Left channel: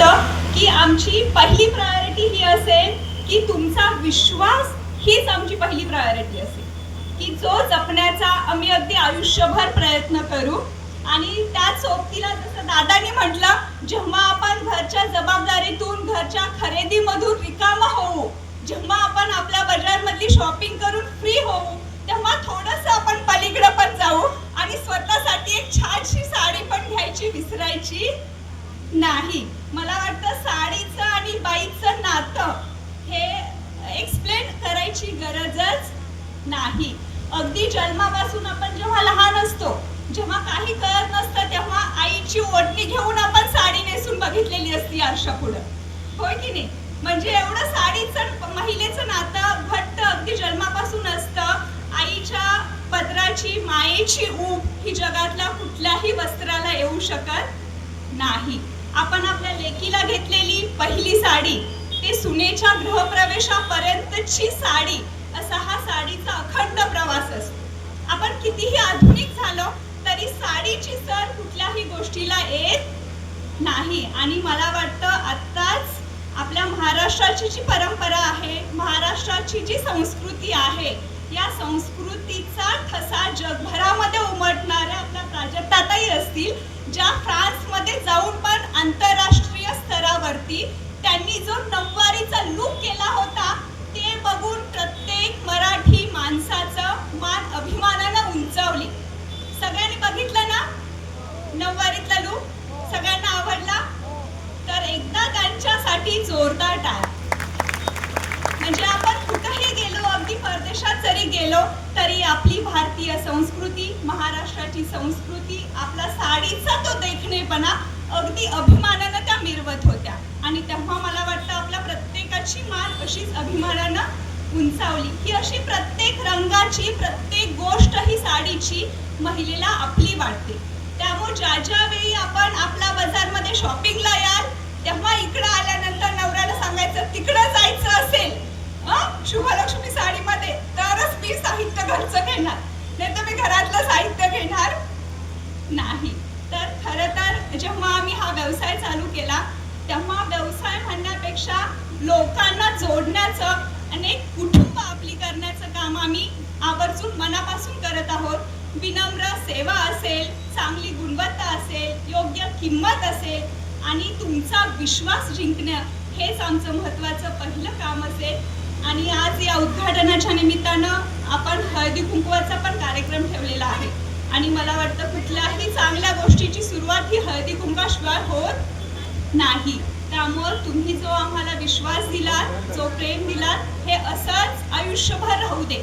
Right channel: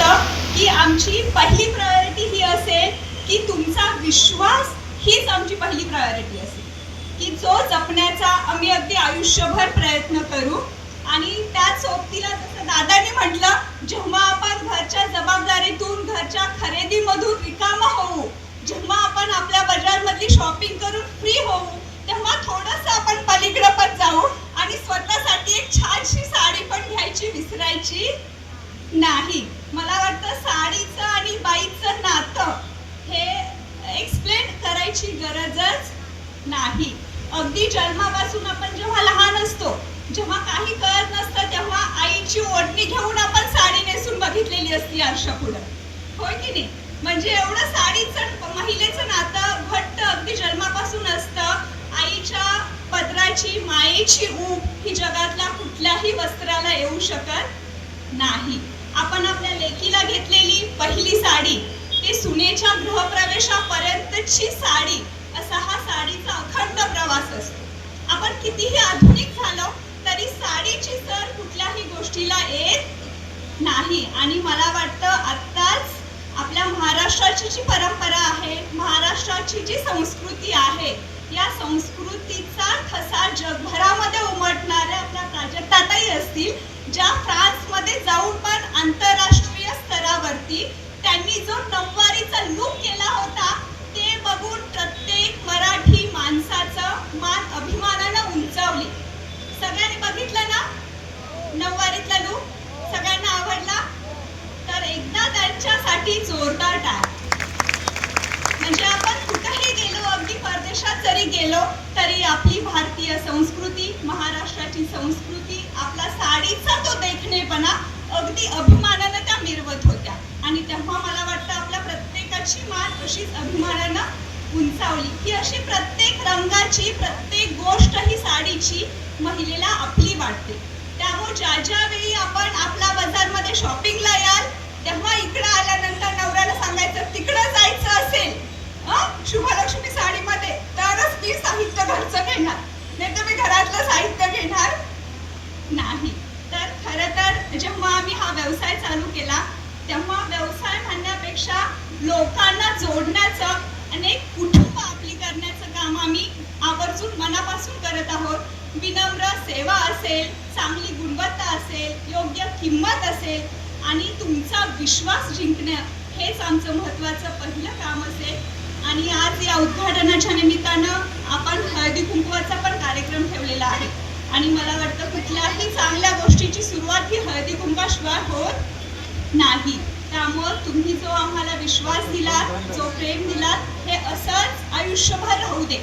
वाटतं की आमची पहिली प्रायोरिटी ही असेल की तुमचा विश्वास हीच आमची पहिली प्रायोरिटी असेल की जो जपण्याचा आम्ही अगदी आयुष्यभर प्रयत्न करू. आणि त्याच सोबतीला जसं दादांनी म्हटलं, जेव्हा आपण घरच्या जबाबदारीतून घरच्या खरेदीमधून रिकामा होऊ, जेव्हा आपण आपल्या बाजारमधली शॉपिंग करून फ्री होऊ, तेव्हा थोडंसं आपण पलीकडे पण जाऊ आणि स्वतःसाठी एक छानशी साडी पण घ्यायची विसरायची नाही. मला वाटतं साडीचं आणि बाईचं नातं हे एक्सप्लेन करायची गरजच नाही. अगदी जन्मापासून आपण जेव्हा लहान असतो, जेव्हा काही कळत नसतं, तेव्हा आईची ओढणी घेऊन आपण साडी नेसून बघितलेली असती आरशापुढं, होय की नाही? म्हणजे एवढं साडीचं महिलेचं नातं घट्ट अगदी जन्मापासून असतं. आईच्या पदराची मायेची ऊब ही जगातल्या कुठल्याही वस्त्राला येऊ शकत नाही. आपण आपल्या लेकीला घेतलेली पहिली साडी, ते सुनेच्या गृहप्रवेशापर्यंतची साडी, असा हा साडीचा अखंड प्रवास असतो. आपण कितीही आधुनिक झालो तरी साडीची सर कुठल्याही गोष्टीला येत नाही. आणि मला वाटतं आत्ताच आपल्या महाराष्ट्राची जी परंपरा आहे, महाराष्ट्राची जी संस्कृती आहे, या संस्कृतीचा ठसा जगभरामध्ये उमटणाऱ्या आपल्या प्राजक्ताताई असतील, ज्या फ्रान्समध्ये जाऊन पण आंतरराष्ट्रीय स्तरावरती त्यांनी जो नऊवारीचा लूक केला होता, ते बघून प्रत्येक मराठी माणसाचं मान अभिमानानं उंचावली. सगळ्यांनी बघितलं ना नऊवारीतला लूक? सगळ्यांना आवडला? तर एकदा त्यांच्यासाठी जोरदार टाळ्या. म्हणजे आपण कुठेही गेलो, अगदी परदेशात जरी गेलो तरी आपली भारतीय संस्कृती, महाराष्ट्राची संस्कृती, आपला साडीचा तो देखणेपणा अगदी अभिमानानं त्या मिरवत होत्या. आणि तेव्हा मला वाटतं आपल्या प्रत्येकाची मान अशीच अभिमानानं उंचावली की अशी प्रत्येक रंगाची, प्रत्येक गोष्ट ही साडीची महिलेला आपली वाटते. त्यामुळे ज्या वेळी आपण आपल्या बाजारमध्ये शॉपिंगला याल, तेव्हा इकडं आल्यानंतर नवऱ्याला सांगायचं, तिकडं जायचं असेल शुभलक्ष्मी साडीमध्ये तरच मी साहित्य घरचं घेणार, नाही तर मी घरातलं साहित्य घेणार नाही. तर खरं तर जेव्हा आम्ही हा व्यवसाय चालू केला, तेव्हा व्यवसाय म्हणण्यापेक्षा लोकांना जोडण्याचं आणि एक कुटुंब आपली करण्याचं काम आम्ही आवर्जून मनापासून करत आहोत. विनम्र सेवा असेल, चांगली गुणवत्ता असेल, योग्य किंमत असेल आणि तुमचा विश्वास जिंकणं, हेच आमचं महत्त्वाचं पहिलं काम असेल. आणि आज या उद्घाटनाच्या निमित्तानं आपण हळदी कुंकवाचा पण कार्यक्रम ठेवलेला आहे. आणि मला वाटतं कुठल्याही चांगल्या गोष्टीची सुरुवात ही हळदी कुंकाशिवाय होत नाही. त्यामुळं तुम्ही जो आम्हाला विश्वास दिला, जो प्रेम दिला, हे असंच आयुष्यभर राहू दे.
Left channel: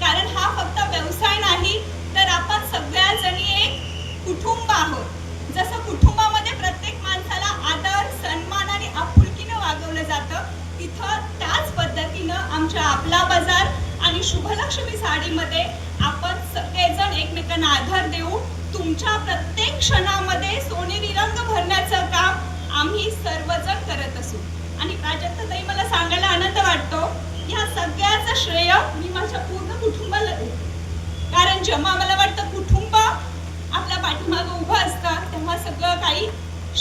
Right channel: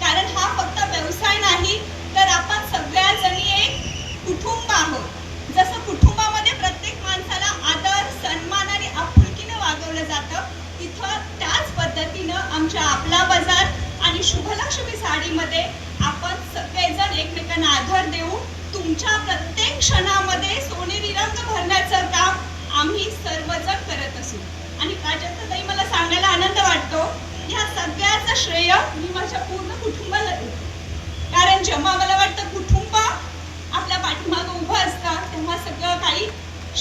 कारण हा फक्त व्यवसाय नाही, तर आपण सगळ्याजणी एक कुटुंब आहोत. जसं कुटुंबामध्ये प्रत्येक माणसाला आदर, सन्मान आणि आपुलकीने वागवलं जातं, तिथं त्याच पद्धतीनं आमच्या आपला बाजार आणि शुभलक्ष्मी साडीमध्ये आपण सगळेजण एकमेकांना आधार देऊ. तुमच्या प्रत्येक क्षणामध्ये सोनेरी रंग भरण्याचं काम आम्ही सर्वजण करत असू. आणि प्राजक्ताताई, मला सांगायला आनंद वाटतो, ह्या सगळ्याचं श्रेय मी माझ्या पूर्ण कुटुंबाला देते. कारण जेव्हा मला वाटतं कुटुंब आपल्या पाठीमागं उभं असतं, तेव्हा सगळं काही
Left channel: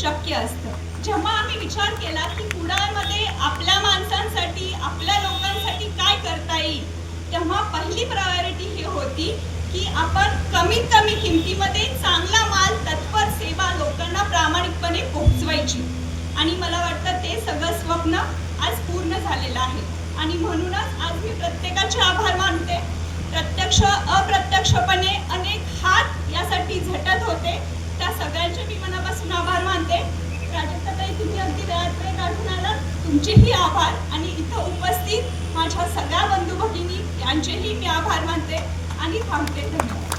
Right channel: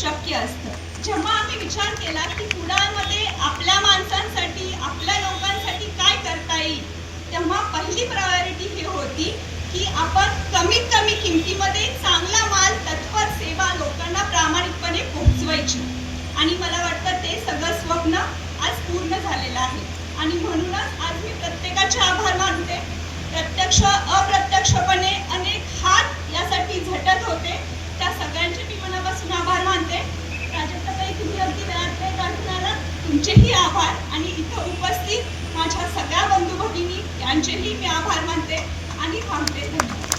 शक्य असतं. जेव्हा आम्ही विचार केला की कुडाळमध्ये आपल्या माणसांसाठी, आपल्या लोकांसाठी काय करता येईल, तेव्हा पहिली प्रायोरिटी ही होती की आपण कमीत कमी किमतीमध्ये चांगला माल, तत्पर सेवा लोकांना प्रामाणिकपणे पोहोचवायची. आणि मला वाटतं ते सगळं स्वप्न आज पूर्ण झालेलं आहे. आणि म्हणूनच आज मी प्रत्येकाचे आभार मानते. प्रत्यक्ष अप्रत्यक्षपणे अनेक हात यासाठी झटत होते, त्या सगळ्यांचे मी मनापासून आभार मानते. प्राजक्ताताई, तुम्ही अगदी वेळात वेळ काढून आलात, तुमचेही आभार. आणि इथं उपस्थित माझ्या सगळ्या बंधू भगिनी यांचेही मी आभार मानते आणि थांबते. धन्यवाद.